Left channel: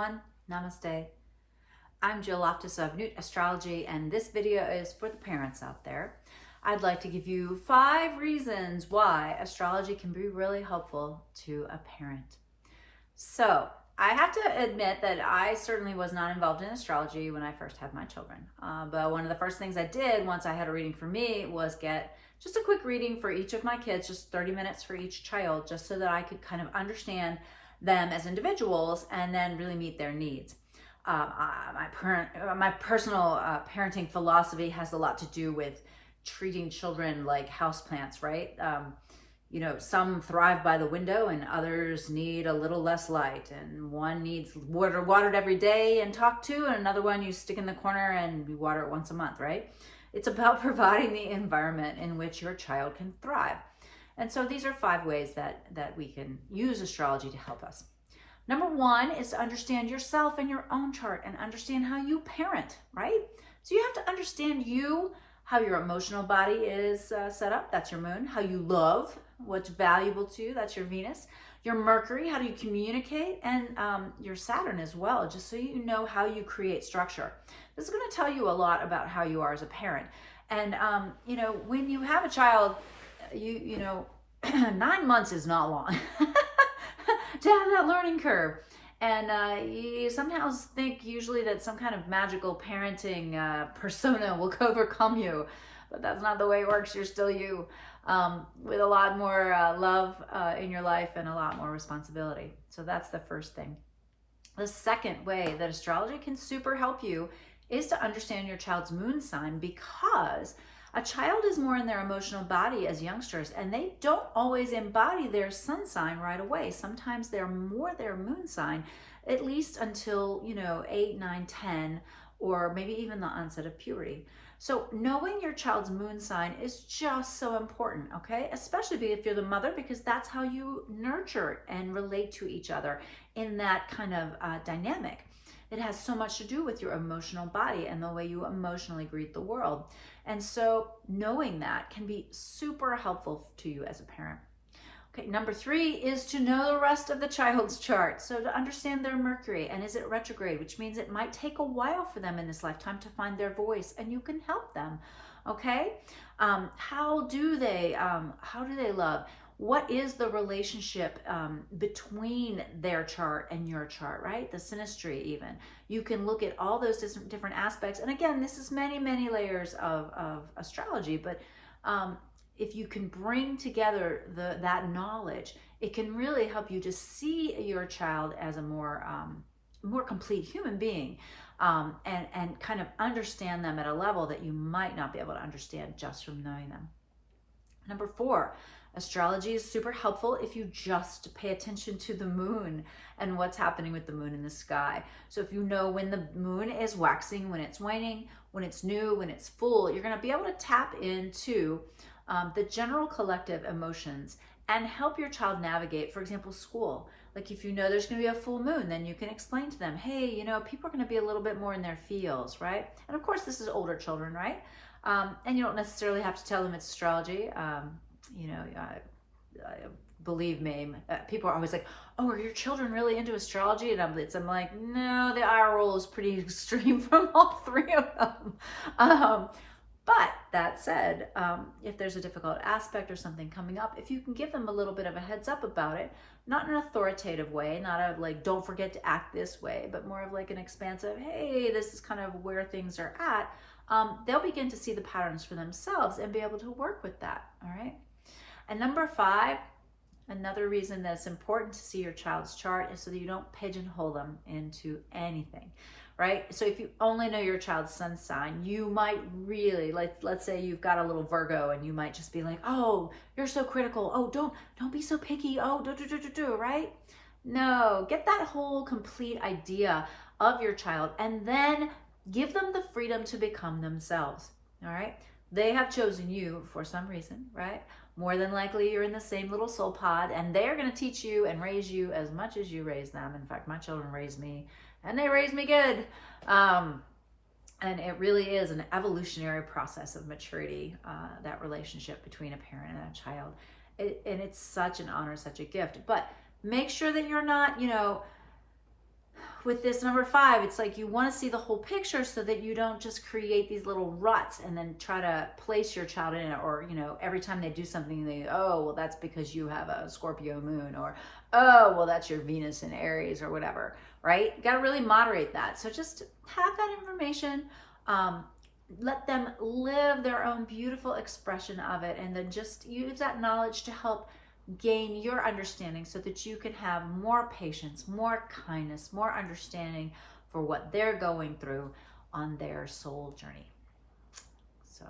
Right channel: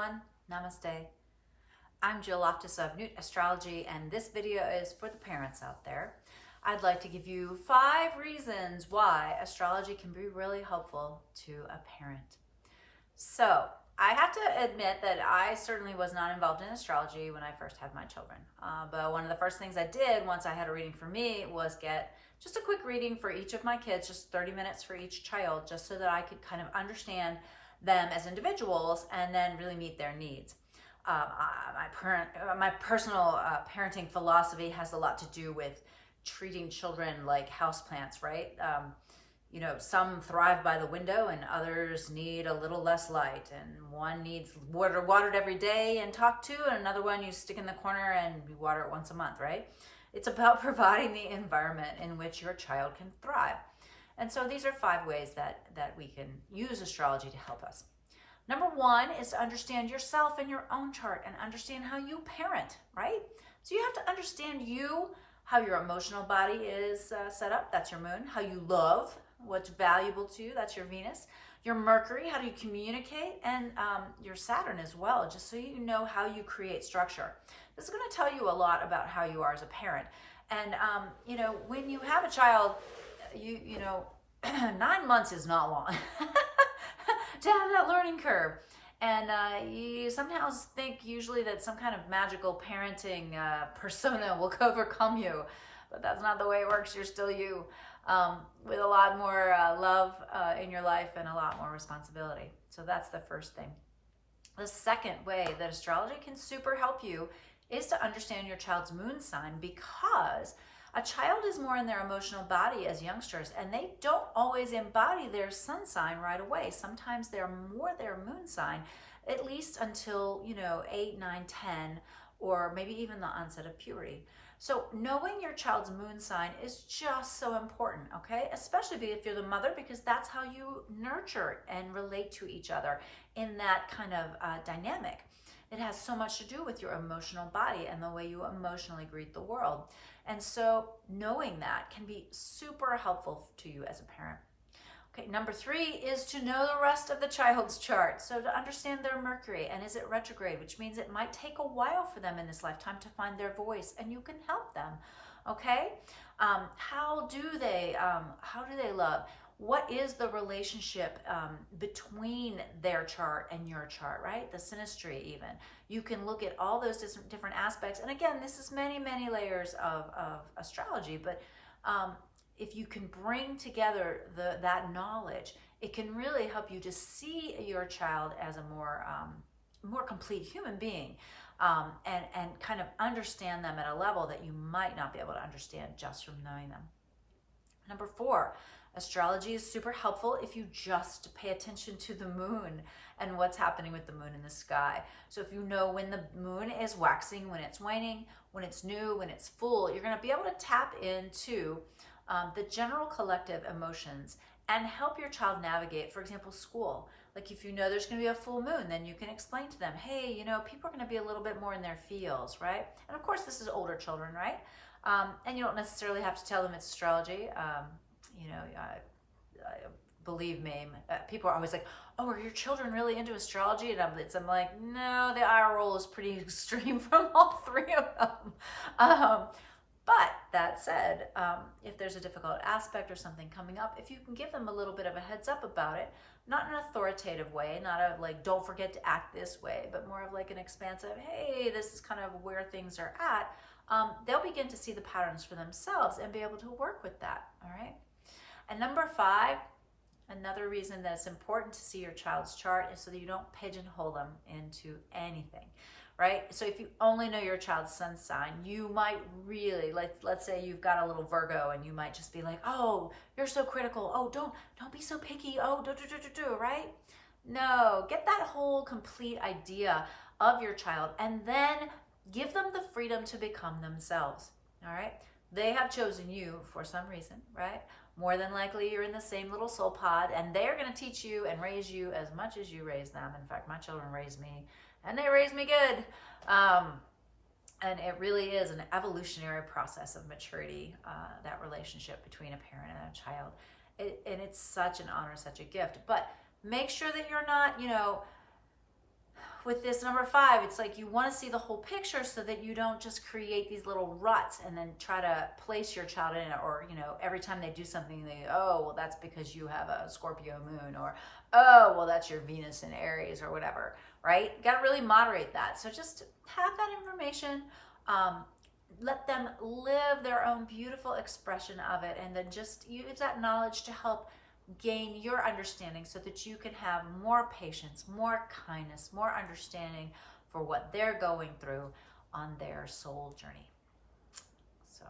everyone. Namaste. I'm Jill Loftus of Newt Astrology, and this video is for the parents out there. I'd like to give you 5 reasons why astrology can be really helpful to a parent. So, I have to admit that I certainly was not involved in astrology when I first had my children. But one of the first things I did once I had a reading for me was get just a quick reading for each of my kids, just 30 minutes for each child, just so that I could kind of understand them as individuals and then really meet their needs. My personal parenting philosophy has a lot to do with treating children like houseplants, right? Some thrive by the window and others need a little less light, and one needs watered every day and talked to, and another one you stick in the corner and you water it once a month, right? It's about providing the environment in which your child can thrive. And so these are 5 ways that we can use astrology to help us. Number 1 is to understand yourself and your own chart and understand how you parent, right? So you have to understand you, how your emotional body is set up, that's your moon, how you love, what's valuable to you, that's your Venus, your Mercury, how do you communicate, and your Saturn as well, just so you know how you create structure. This is going to tell you a lot about how you are as a parent. And, when you have a child, 9 months is not long to have that learning curve. And you somehow think usually that some kind of magical parenting persona will overcome you, but that's not the way it works. You're still you, with a lot more love in your life and a lot more responsibility. So that's the first thing. The second way that astrology can super help you is to understand your child's moon sign, because a child is more in their emotional body as youngsters, and they don't always embody their sun sign right away. Sometimes they're more their moon sign, at least until, 8, 9, 10, or maybe even the onset of puberty. So knowing your child's moon sign is just so important, okay? Especially if you're the mother, because that's how you nurture and relate to each other in that kind of dynamic. It has so much to do with your emotional body and the way you emotionally greet the world. And so knowing that can be super helpful to you as a parent. Okay, number 3 is to know the rest of the child's chart. So to understand their Mercury, and is it retrograde, which means it might take a while for them in this lifetime to find their voice, and you can help them. Okay, how do they love? What is the relationship between their chart and your chart, right? The synastry even. You can look at all those different aspects. And again, this is many, many layers of astrology, but if you can bring together that knowledge, it can really help you to see your child as a more complete human being, and kind of understand them at a level that you might not be able to understand just from knowing them. Number 4, astrology is super helpful if you just pay attention to the moon and what's happening with the moon in the sky. So if you know when the moon is waxing, when it's waning, when it's new, when it's full, you're going to be able to tap into the general collective emotions and help your child navigate, for example, school. Like if you know there's going to be a full moon, then you can explain to them, hey, people are going to be a little bit more in their feels, right? And of course, this is older children, right? And you don't necessarily have to tell them it's astrology. Believe me, people are always like, oh, are your children really into astrology? And I'm like, no, the eye roll is pretty extreme from all 3 of them. But that said, if there's a difficult aspect or something coming up, if you can give them a little bit of a heads up about it, not in an authoritative way, not a like, don't forget to act this way, but more of like an expansive, hey, this is kind of where things are at, they'll begin to see the patterns for themselves and be able to work with that, all right? And number 5, another reason that it's important to see your child's chart is so that you don't pigeonhole them into anything, right? So if you only know your child's sun sign, you might really, let's say you've got a little Virgo, and you might just be like, oh, you're so critical. Oh, don't be so picky. Oh, right? No, get that whole complete idea of your child and then give them the freedom to become themselves, all right? They have chosen you for some reason, right? More than likely, you're in the same little soul pod, and they're going to teach you and raise you as much as you raise them. In fact, my children raised me, and they raised me good. And it really is an evolutionary process of maturity, that relationship between a parent and a child. And it's such an honor, such a gift. But make sure that you're not, with this number 5, it's like you want to see the whole picture so that you don't just create these little ruts and then try to place your child in it, or, you know, every time they do something, they, oh, well, that's because you have a Scorpio moon, or, oh, well, that's your Venus in Aries, or whatever, right? You got to really moderate that. So just have that information. Let them live their own beautiful expression of it, and then just use that knowledge to help gain your understanding so that you can have more patience, more kindness, more understanding for what they're going through on their soul journey. So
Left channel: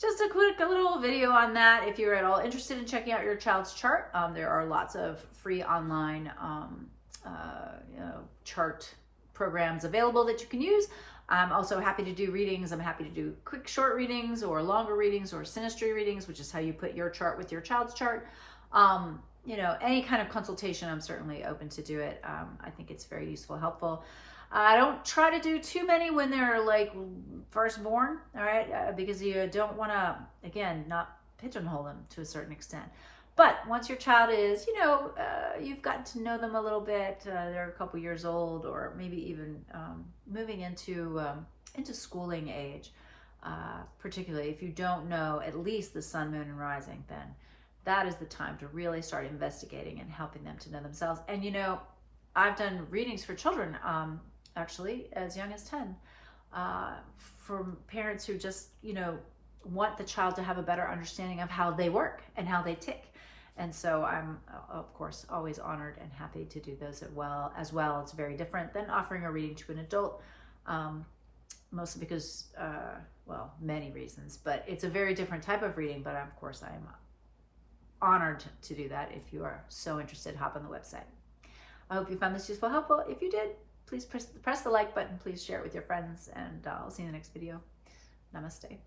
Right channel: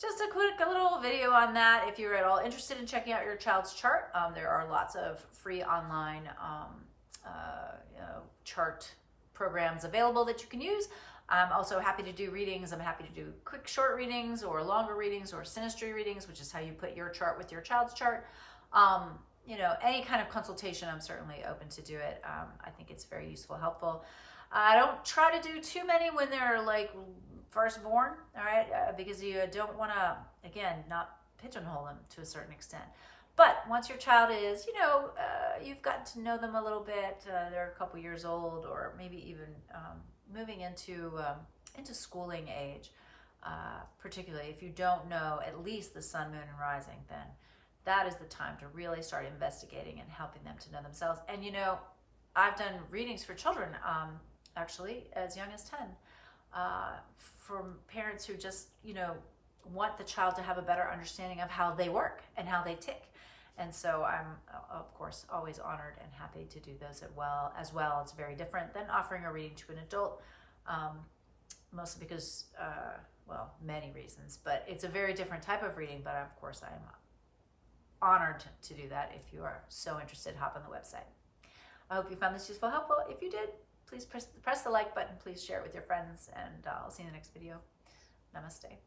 just a quick little video on that. If you're at all interested in checking out your child's chart, there are lots of free online chart programs available that you can use. I'm also happy to do readings. I'm happy to do quick short readings or longer readings or synastry readings, which is how you put your chart with your child's chart. You know, any kind of consultation, I'm certainly open to do it. I think it's very useful, helpful. I don't try to do too many when they're like firstborn, all right? Because you don't want to, again, not pigeonhole them to a certain extent. But once your child is, you know, you've gotten to know them a little bit, they're a couple years old, or maybe even moving into schooling age, particularly if you don't know at least the sun, moon, and rising, then that is the time to really start investigating and helping them to know themselves. And, you know, I've done readings for children, actually, as young as 10, for parents who just, you know, want the child to have a better understanding of how they work and how they tick. And so I'm, of course, always honored and happy to do those as well. It's very different than offering a reading to an adult, mostly because, well, many reasons, but it's a very different type of reading. But of course, I am honored to do that. If you are so interested, hop on the website. I hope you found this useful, helpful. If you did, please press the like button. Please share it with your friends, and I'll see you in the next video. Namaste.